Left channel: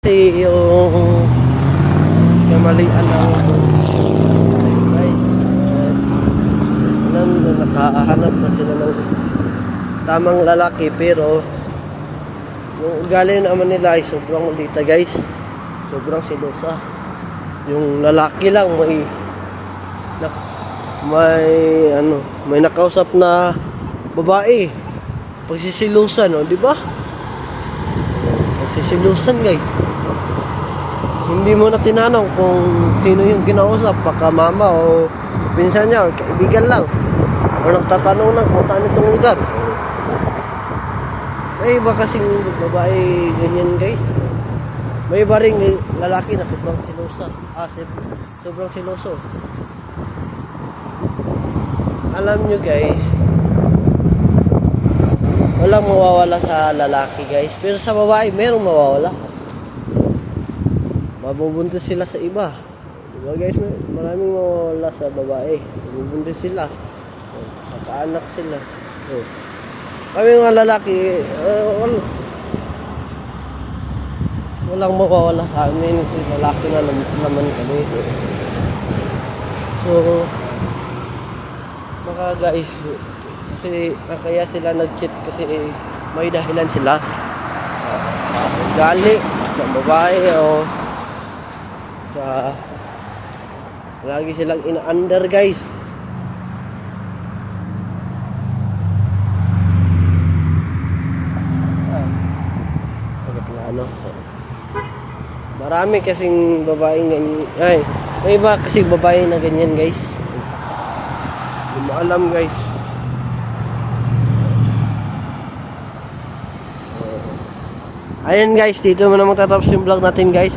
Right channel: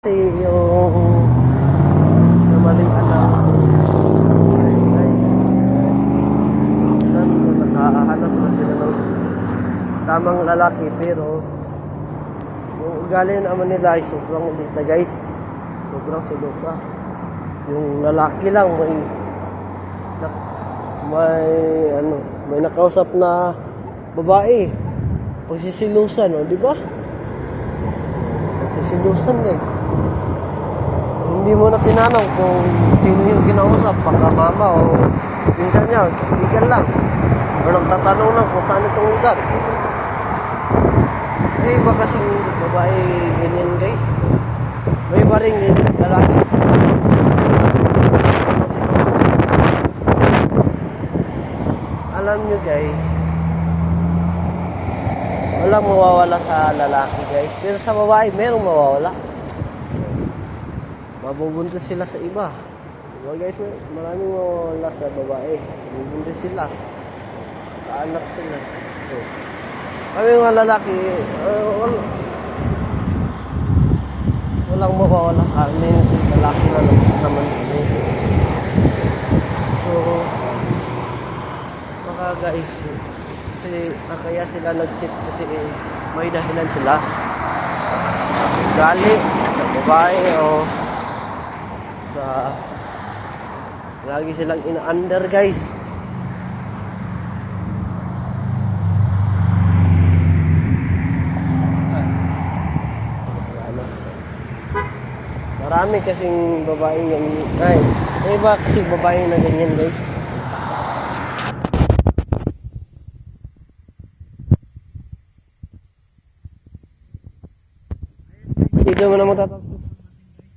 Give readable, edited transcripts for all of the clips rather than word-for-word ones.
Kasi yung kamalian ng ay nakahanap na sila ng tamang lalaki, pero yung ugali naman nila ay sobrang ulita, guys. Sobrang silosa. Yung lalaki lang may nakausap na babae, pagsisilusan, no, di ba? Pagsisilusan, guys. Hindi mo na tinanong kung sino yung kinausap, baka mama o pinsan niya o kaibigan lang, o nagtatanong lang kung saan itong lugar. May iba kasing babae ganyan, guys. May iba rin lalaki na sobrang sinuso. Alam nyo, guys, walang mawawala sa lalaki, guys, pero sa babae merong mawawala. Mabubuntis sila sa iba, diba, guys? Maraming mawawala sa babae. Mabubuntis sila, kakaanak sila. Kami mga lalaki, walang mawawala sa amin. Lalaki naman kami. So baka, guys, kasi kaya sila nag-cheat kasi may dahilan sila. Gali sa babae o sa lagi silang ina-under, guys. Marami kasing babaeng ganyan. May iba kasing babae na ganyan, guys. Hindi mo alam, guys. Ayan, guys, dito mo na magtatapos yung vlog natin, guys.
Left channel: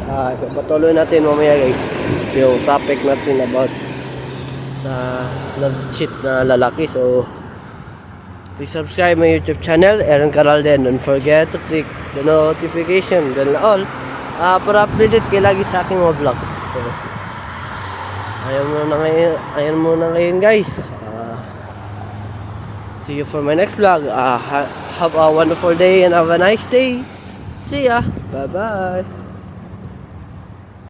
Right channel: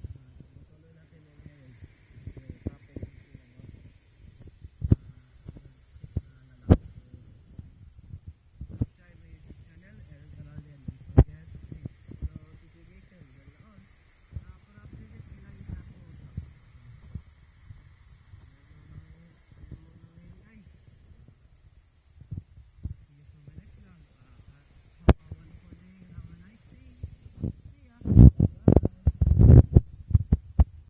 Patuloy natin mamaya, guys, yung topic natin about sa nag-cheat na lalaki. So please subscribe my YouTube channel, Aaron Caralden. Don't forget to click the notification bell all para updated kayo lagi sa aking mga vlog. So ayan muna ngayon, guys. See you for my next vlog. Have a wonderful day and have a nice day. See ya. Bye-bye.